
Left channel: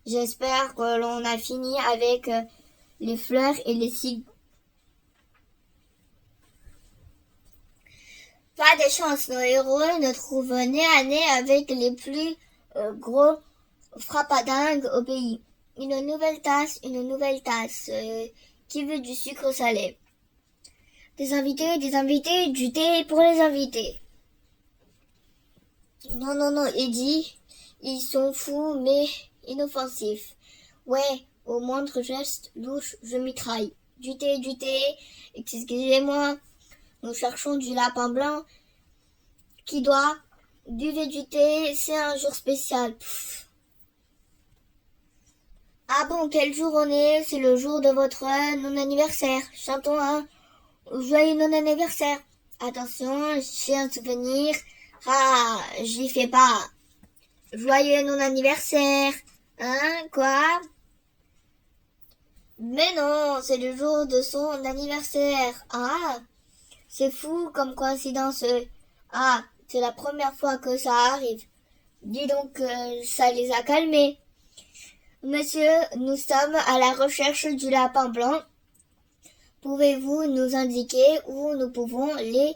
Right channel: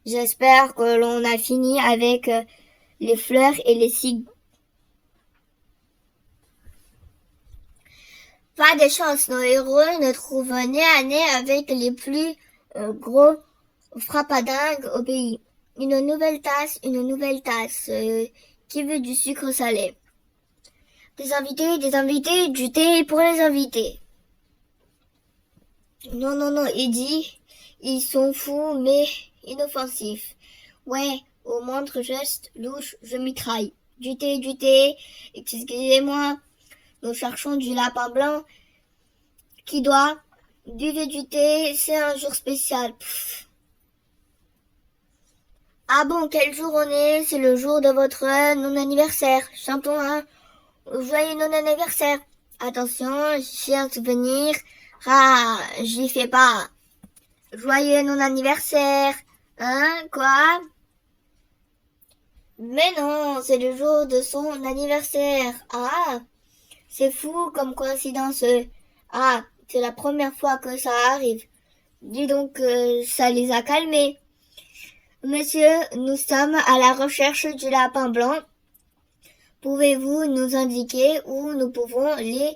J'espère que l'on a fini avec les fleurs et les cygnes. Pas de chance, nos héros ne trouvent nez à nez avec les plus gros frappadingues au pays. Une nouvelle tasse. Qui veut du sucre salé? Des invités, du thé pour les invités. Non, Eddie, ils sont fous mais inoffensifs. Ouais, Au moindre geste louche, je mitraille. Du thé, excusez-moi. Nous cherchons du lapin blanc. Qui doit? Buvez du thé, c'est un jour spécial. Pff. Ah bon, quel jour on est? C'est le jour de votre non-anniversaire. Chantons un joyeux non-anniversaire. Attention, j'ai un souvenir. Ah, j'y fais pas. Joyeux non-anniversaire. Hein, quoi? Mais non, c'est le jour de son anniversaire. Ah, c'est fou comme coïncidence. Ah, c'est la première fois que ça arrive. Dis donc, ça les a calmés. Monsieur, nous sommes à la recherche du lapin blanc. Pouvez-vous nous indiquer où nous pouvons les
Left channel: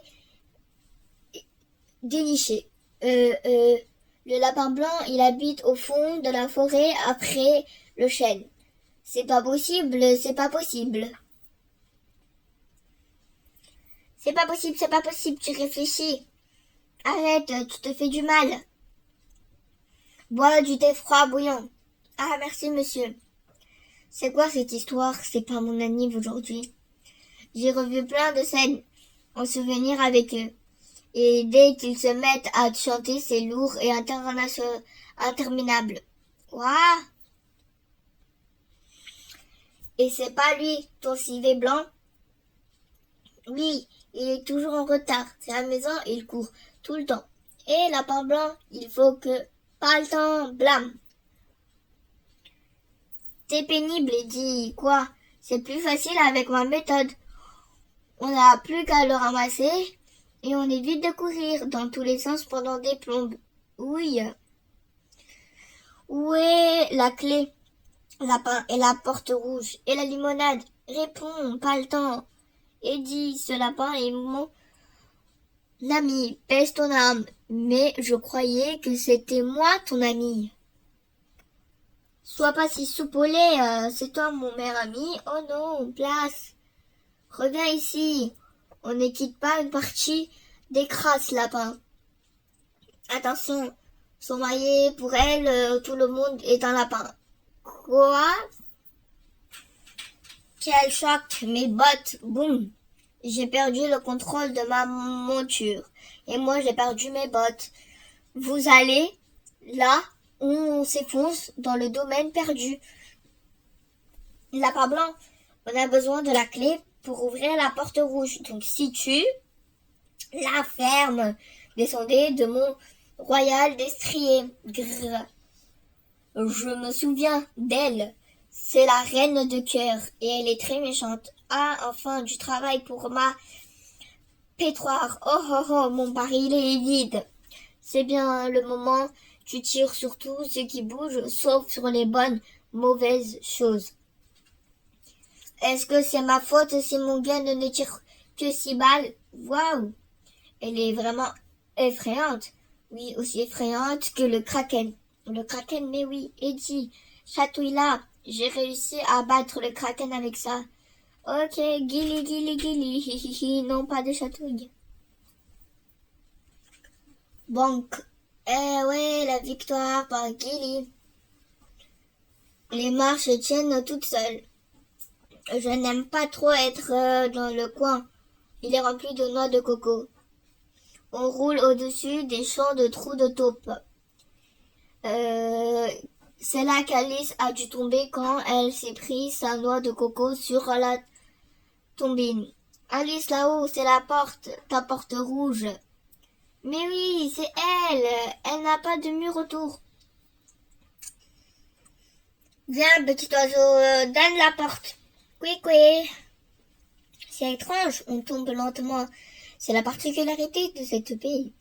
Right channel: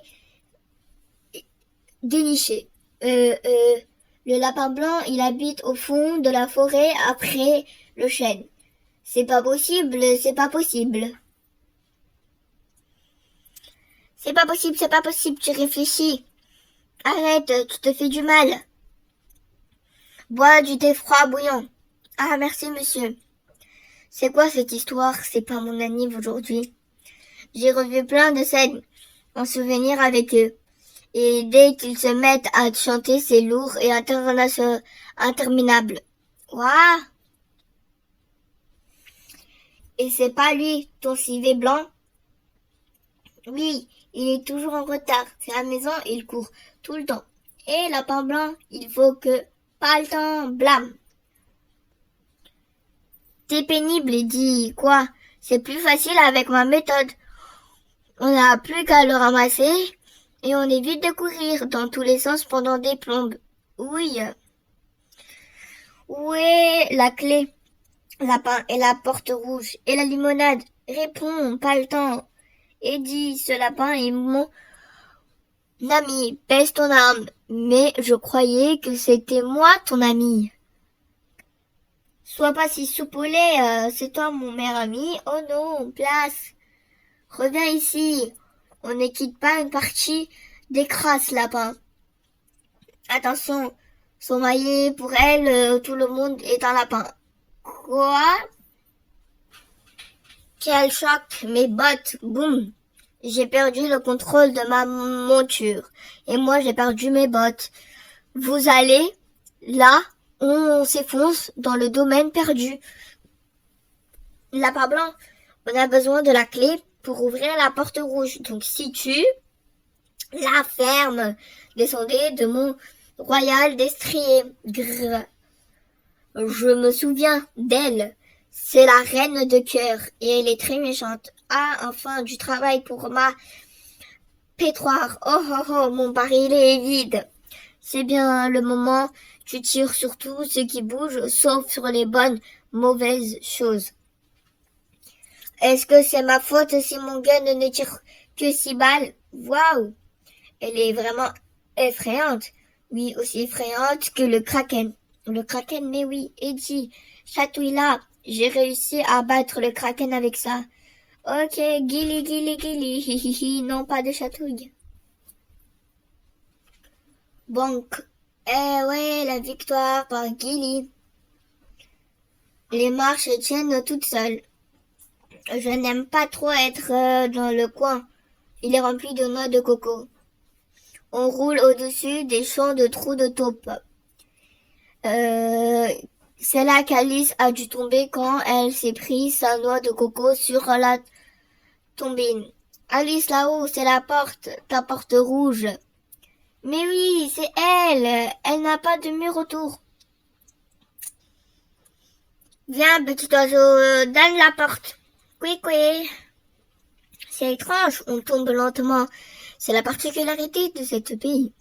dénicher? Le lapin blanc, il habite au fond de la forêt après le chêne. C'est pas possible, c'est pas possible. C'est pas possible, tu réfléchis. Arrête, tu te fais du mal. Bois du thé froid bouillant. Ah, merci, monsieur. C'est quoi cette histoire? C'est pas mon anniv aujourd'hui. J'ai revu plein de scènes en souvenir avec eux. Et dès qu'ils se mettent à chanter, c'est lourd et interminable. Ouah! Et c'est pas lui, ton civet blanc? Oui, il est toujours en retard. C'est à la maison, il court tout le temps. Et lapin blanc, il faut que... Pas le temps, blâme. T'es pénible, il dit quoi? C'est plus facile avec ma méthode. On n'a plus qu'à le ramasser et on évite de courir dans tous les sens pendant des plombes. Oui. Où est la clé? Lapin et la porte rouge et la limonade. Réponds, pas le temps. Eddie, ce lapin est mon ami. Baisse ton âme. Mais je croyais que c'était moi ton ami. Sois pas si soupolé, c'est toi mon meilleur ami. Oh non, place. Reviens ici. On ne quitte pas une partie des crasses, lapin. Attention, son maillet, pour elle, tout le monde est un lapin. Quoi? Quel choc, mes bottes, boum. J'ai perdu le contrôle de ma monture. Et moi, j'ai perdu mes bottes. Vous allez, là, on s'enfonce dans le domaine perdu. Lapin blanc, on a besoin de la clé pour ouvrir la porte rouge. Donc, si tu la fermes, descendez de mon royal destrier. Grrr. Je me souviens d'elle. C'est la reine de cœur et elle est très méchante. Ah, enfin, du travail pour ma pétroire. Oh, oh, oh, mon baril est vide. C'est bien le moment. Tu tires sur tout ce qui bouge, sauf sur les bonnes, mauvaises choses. Est-ce que c'est ma faute si mon gun ne tire que 6 balles? Waouh! Elle est vraiment effrayante. Oui, aussi effrayante que le kraken. Le kraken, mais oui, Eddie, chatouille-là. J'ai réussi à battre le kraken avec ça. Ok, guili, guili, guili, hihihi, non, pas de chatouille. Bonk. Eh ouais, la victoire par Guili. Les marches tiennent toutes seules. Je n'aime pas trop être dans le coin. Il est rempli de noix de coco. On roule au-dessus des champs de trous de taupe. C'est là qu'Alice a dû tomber quand elle s'est pris sa noix de coco sur la tombine. Alice, là-haut, c'est la porte, ta porte rouge. Mais oui, c'est elle. Elle n'a pas de mur autour. Viens, petit oiseau, donne la porte. Oui, oui. C'est étrange, on tombe lentement. C'est la particularité de ce pays.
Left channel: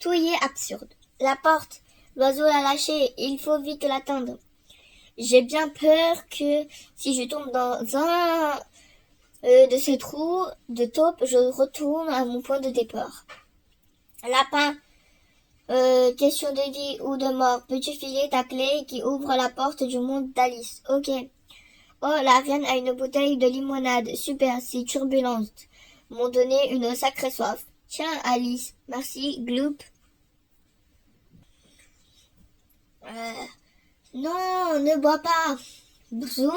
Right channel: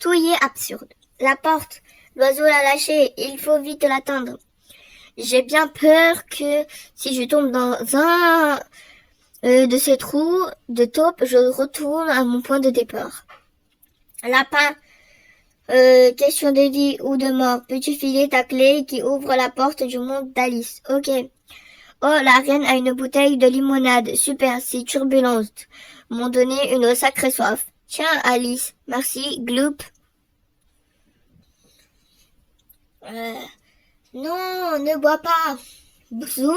Tout y est absurde. La porte, l'oiseau l'a lâchée, il faut vite l'atteindre. J'ai bien peur que si je tombe dans un de ces trous de taupe, je retourne à mon point de départ. Lapin, question de vie ou de mort. Peux-tu filer ta clé qui ouvre la porte du monde d'Alice? Ok. Oh, la reine a une bouteille de limonade. Super, c'est turbulente. M'ont donné une sacrée soif. Tiens, Alice. Merci, Gloop. Non, ne bois pas. Zoom.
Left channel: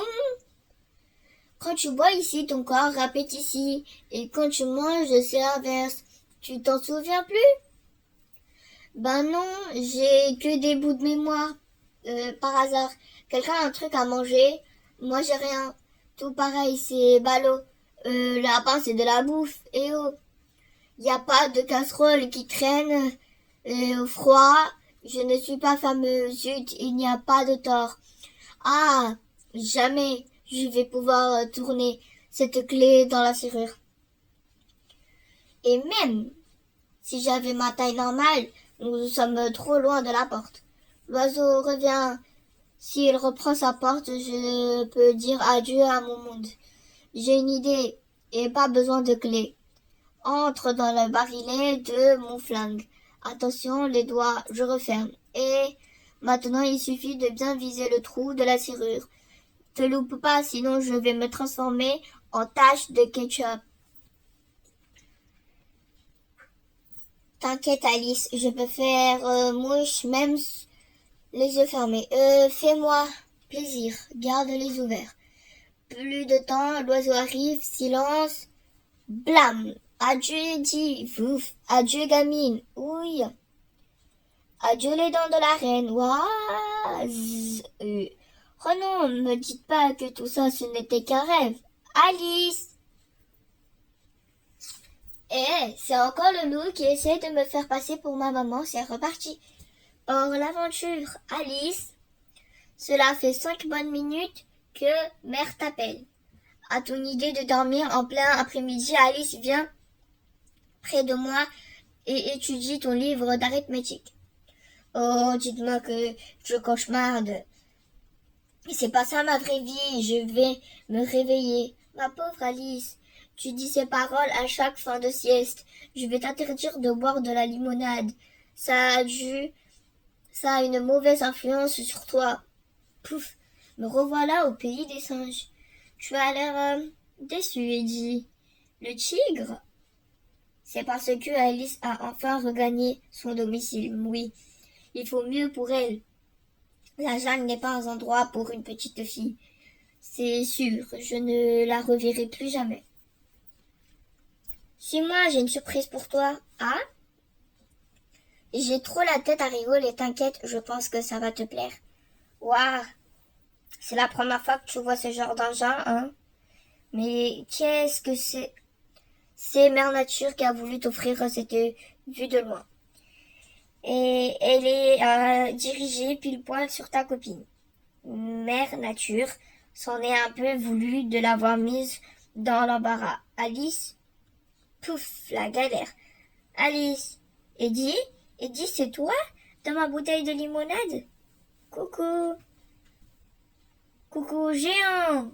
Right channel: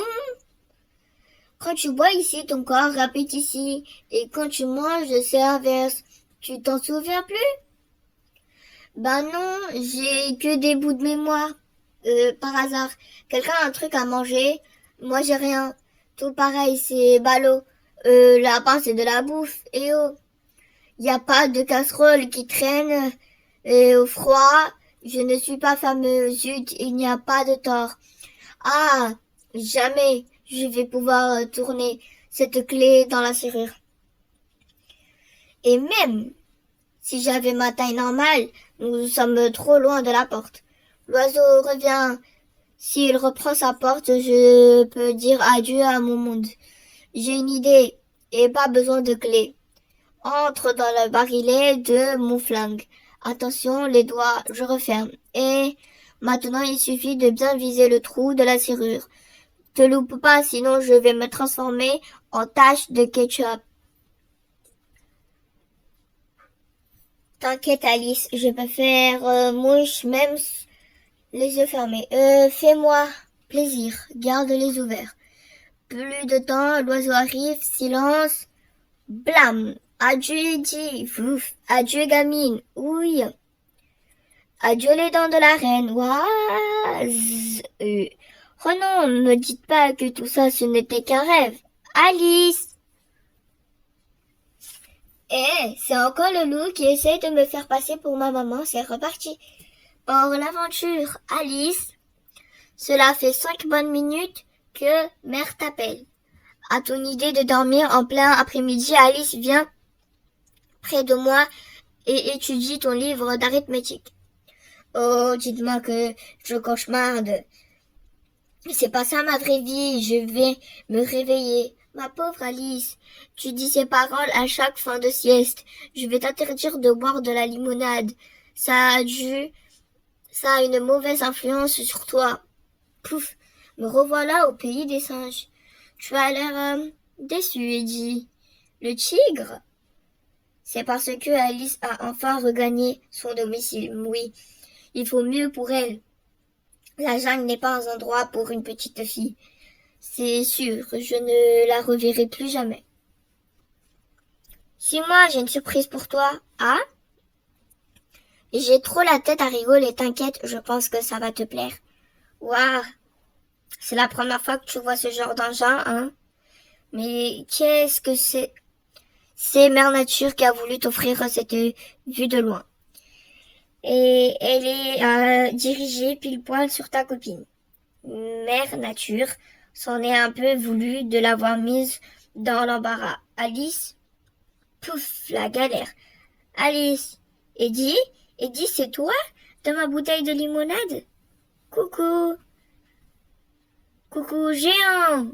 Quand tu bois ici, ton corps répète ici. Et quand tu manges, c'est l'inverse. Tu t'en souviens plus? Ben non, j'ai que des bouts de mémoire. Par hasard. Quelqu'un a un truc à manger? Moi, j'ai rien. Tout pareil, c'est ballot. Là-bas, c'est de la bouffe. Et oh, y a pas de casserole qui traîne. Et au froid, je ne suis pas fameux. Zut, il n'y a pas de tort. Ah, jamais je vais pouvoir tourner cette clé dans la serrure. Et même si j'avais ma taille normale, nous sommes trop loin de la porte. L'oiseau revient. S'il reprend sa porte, je peux dire adieu à mon monde. J'ai une idée et pas besoin de clé. Entre dans le barillet de mon flingue. Attention, les doigts, je referme. Et maintenant, il suffit de bien viser le trou de la serrure. Te loupe pas, sinon je vais me transformer en tache de ketchup. T'inquiète Alice, je peux faire mouche même les yeux fermés. Fais-moi plaisir, garde les ouverts. Plus de temps, l'oiseau arrive, silence. Blam! Adieu dit, vouf, adieu gamine, oui. Adieu les dents de la reine, ouah, Oh non, ne me dites pas que tout ça ce n'était qu'un rêve. Alice! C'est encore le loup qui essaie de me faire passer pour ma maman, c'est reparti. Or, l'aventure, Alice, cela fait 5 bonnes minutes que mère t'appelle. À ton idée de dormir en plein après-midi, Alice vient près de moi et étudie ton livre d'arithmétique. Oh, dites-moi que je cauchemarde. C'est pas ça ma vraie vie, je vais me réveiller. Ma pauvre Alice, tu dis ces paroles à chaque fin de sieste. Je vais t'interdire de boire de la limonade. Ça a une mauvaise influence sur toi. Pouf, me revoilà au pays des singes. Tu as l'air déçu, Eddie. Le tigre? C'est parce que Alice a enfin regagné son domicile. Oui, il faut mieux pour elle. La jungle n'est pas un endroit pour une petite fille. C'est sûr, je ne la reverrai plus jamais. Suis-moi, j'ai une surprise pour toi. Ah? J'ai trop la tête à rigoler, t'inquiète, je pense que ça va te plaire. Waouh! C'est la première fois que tu vois ce genre d'engin, hein? Mais qu'est-ce que c'est? C'est Mère Nature qui a voulu t'offrir cette vue de loin. Et elle est dirigée pile poil sur ta copine. Mère Nature s'en est un peu voulu de l'avoir mise dans l'embarras. Alice, pouf, la galère. Alice, Eddie, c'est toi, dans ma bouteille de limonade? Coucou, coucou, géant.